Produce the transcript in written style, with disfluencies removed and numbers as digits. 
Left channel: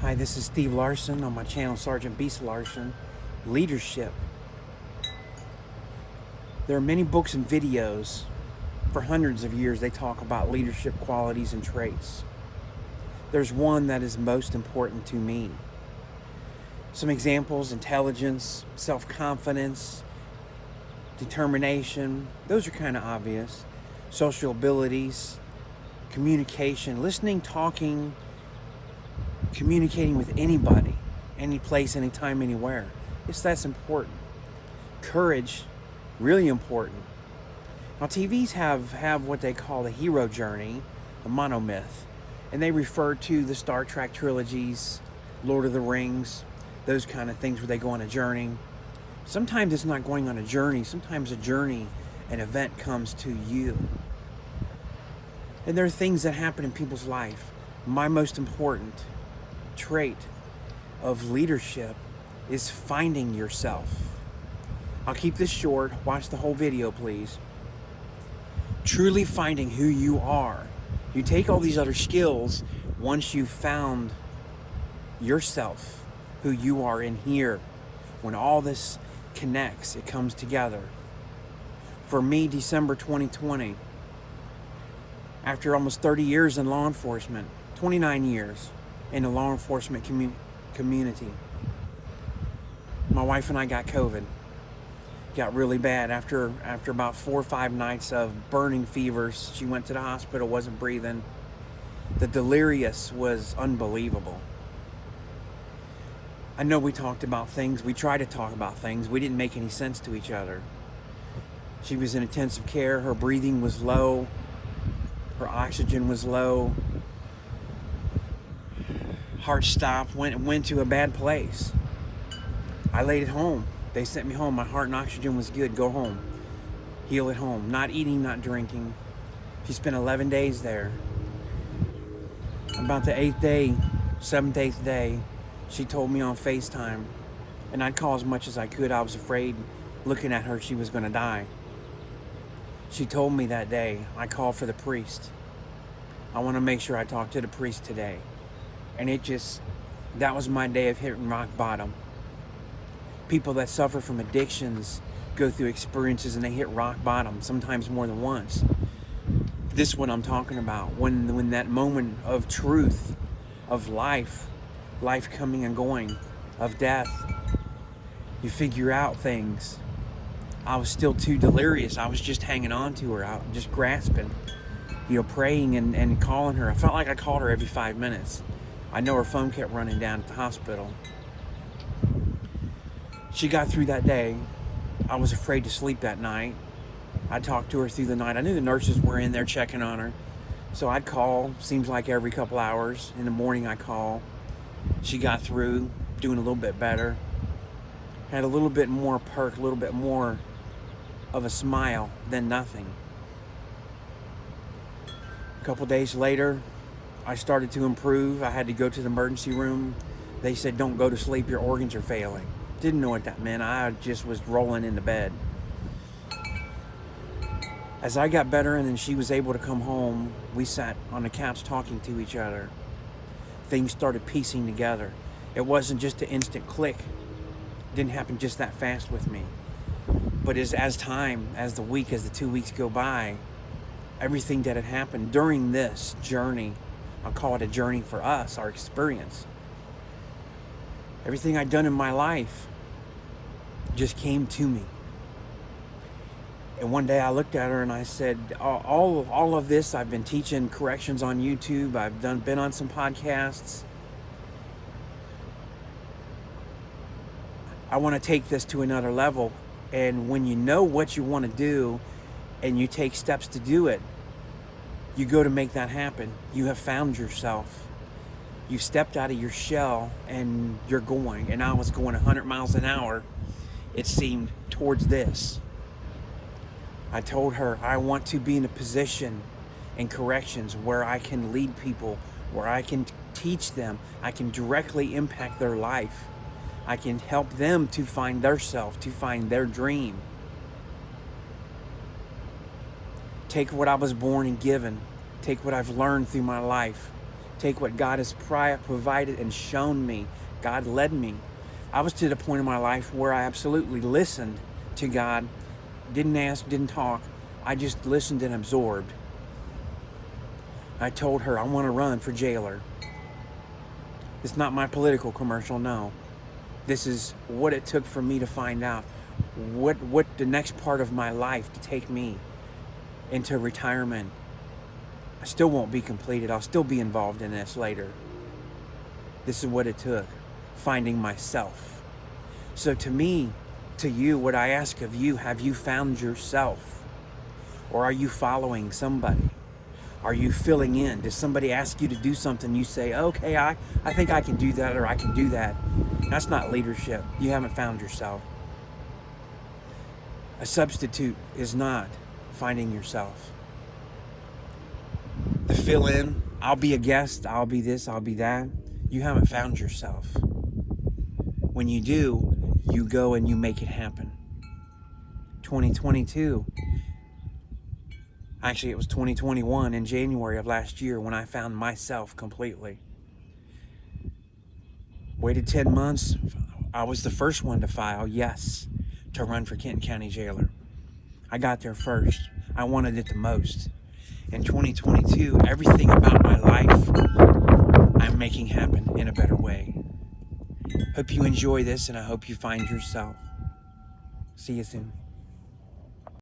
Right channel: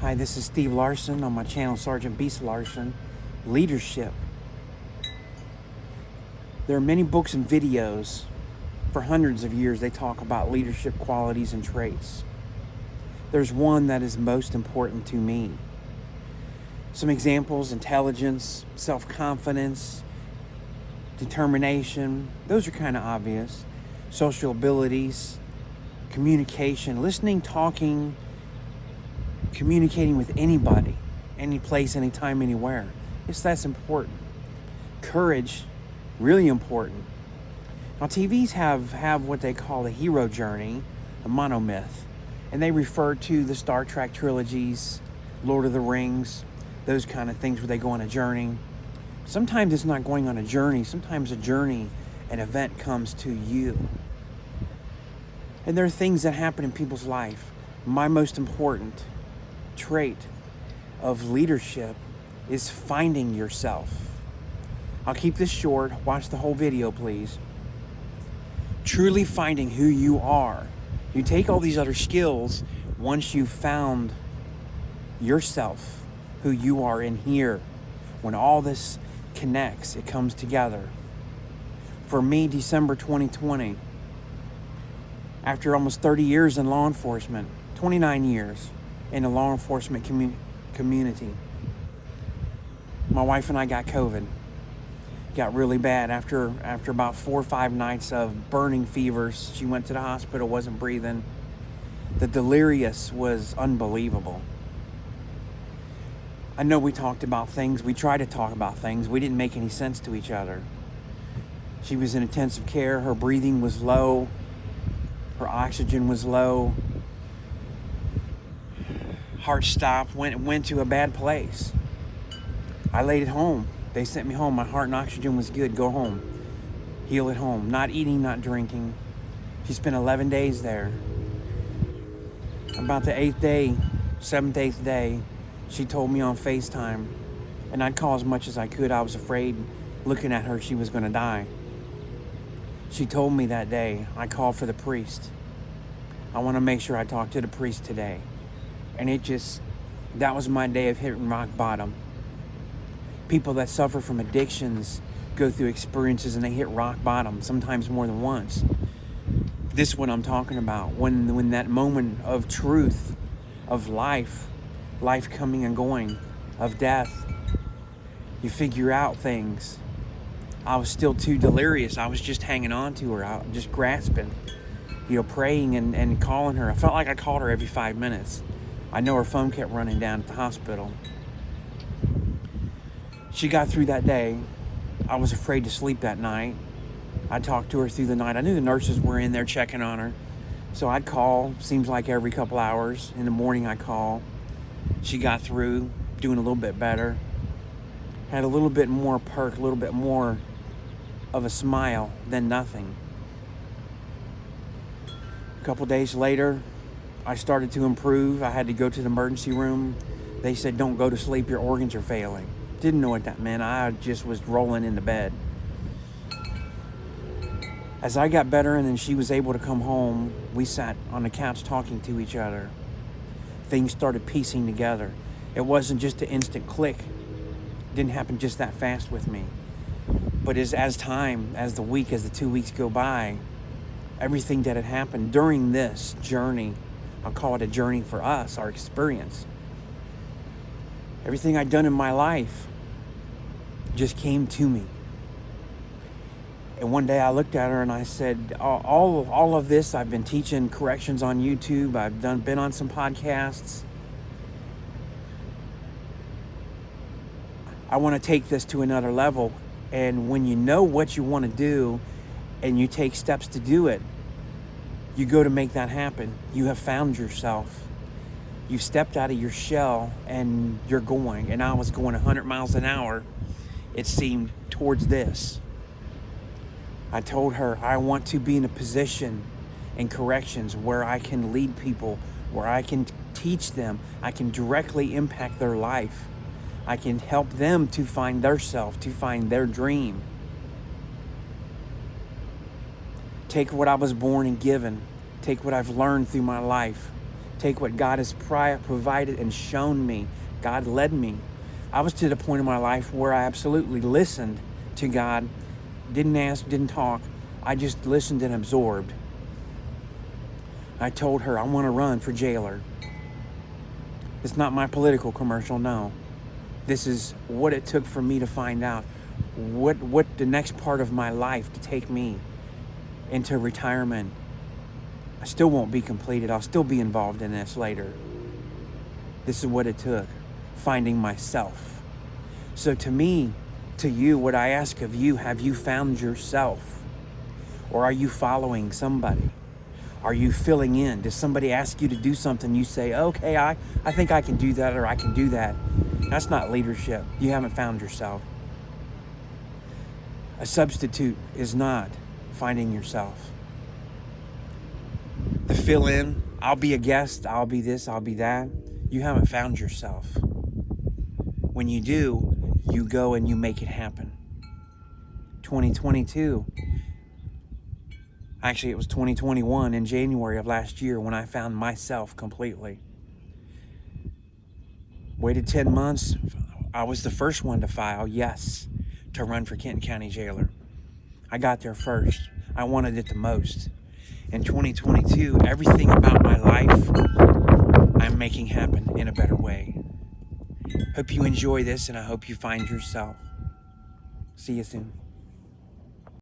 Hi, this is Steve Larson on my channel, Sergeant Beast Larson. Leadership. There are many books and videos. For hundreds of years, they talk about leadership qualities and traits. There's one that is most important to me. Some examples: intelligence, self-confidence, determination. Those are kind of obvious. Social abilities, communication, listening, talking, communicating with anybody, any place, anytime, anywhere. That's important. Courage, really important. Now, TVs have what they call the hero journey, a monomyth, and they refer to the Star Trek trilogies, Lord of the Rings, those kind of things where they go on a journey. Sometimes it's not going on a journey. Sometimes a journey, an event comes to you. And there are things that happen in people's life. My most important trait of leadership is finding yourself. I'll keep this short. Watch the whole video, please. Truly finding who you are. You take all these other skills once you've found yourself, who you are in here. When all this connects, it comes together. For me, December 2020, after almost 30 years in law enforcement, 29 years in the law enforcement community, my wife and I got COVID. Got really bad after about 4 or 5 nights of burning fevers. She went to the hospital, wasn't breathing. The delirious was unbelievable. I know we talked about things. We tried to talk about things. We didn't make any sense to each other. She was in intensive care. Her breathing was low. Her oxygen was low. Heart stopped, went to a bad place. I laid at home. They sent me home. My heart and oxygen was good. Go home. Heal at home. Not eating, not drinking. She spent 11 days there. About the 8th day, 7th, 8th day, she told me on FaceTime, and I'd call as much as I could. I was afraid looking at her she was going to die. She told me that day, I called for the priest. I want to make sure I talk to the priest today. And that was my day of hitting rock bottom. People that suffer from addictions go through experiences and they hit rock bottom, sometimes more than once. This is what I'm talking about. When that moment of truth, of life coming and going, of death, you figure out things. I was still too delirious. I was just hanging on to her, out, just grasping, praying and calling her. I felt like I called her every 5 minutes. I know her phone kept running down at the hospital. She got through that day. I was afraid to sleep that night. I talked to her through the night. I knew the nurses were in there checking on her. So I'd call, seems like every couple hours. In the morning I call. She got through, doing a little bit better. Had a little bit more perk, a little bit more of a smile than nothing. A couple days later, I started to improve. I had to go to the emergency room. They said, don't go to sleep, your organs are failing. Didn't know what that meant. I just was rolling in the bed. As I got better and then she was able to come home, we sat on the couch talking to each other. Things started piecing together. It wasn't just an instant click. It didn't happen just that fast with me. But as the 2 weeks go by, everything that had happened during this journey, I'll call it a journey for us, our experience. Everything I'd done in my life just came to me. And one day I looked at her and I said, all of this, I've been teaching corrections on YouTube. I've been on some podcasts. I want to take this to another level. And when you know what you want to do and you take steps to do it, you go to make that happen. You have found yourself. You stepped out of your shell and you're going. And I was going 100 miles an hour, it seemed, towards this. I told her I want to be in a position in corrections where I can lead people, where I can teach them, I can directly impact their life. I can help them to find their self, to find their dream. Take what I was born and given, take what I've learned through my life, Take what God has provided and shown me. God led me. I was to the point in my life where I absolutely listened to God. Didn't ask, didn't talk. I just listened and absorbed. I told her I want to run for jailer. It's not my political commercial, no. This is what it took for me to find out what the next part of my life to take me into retirement. I still won't be completed. I'll still be involved in this later. This is what it took, finding myself. So to me, to you, what I ask of you, have you found yourself? Or are you following somebody? Are you filling in? Does somebody ask you to do something? You say, okay, I think I can do that, or I can do that. That's not leadership. You haven't found yourself. A substitute is not finding yourself. To fill in, I'll be a guest, I'll be this, I'll be that. You haven't found yourself. When you do, you go and you make it happen. 2022. Actually, it was 2021 in January of last year when I found myself completely. Waited 10 months. I was the first one to file yes to run for Kenton County Jailer. I got there first. I wanted it the most. In 2022, everything about my life I'm making happen in a better way. Hope you enjoy this, and I hope you find yourself. See you soon.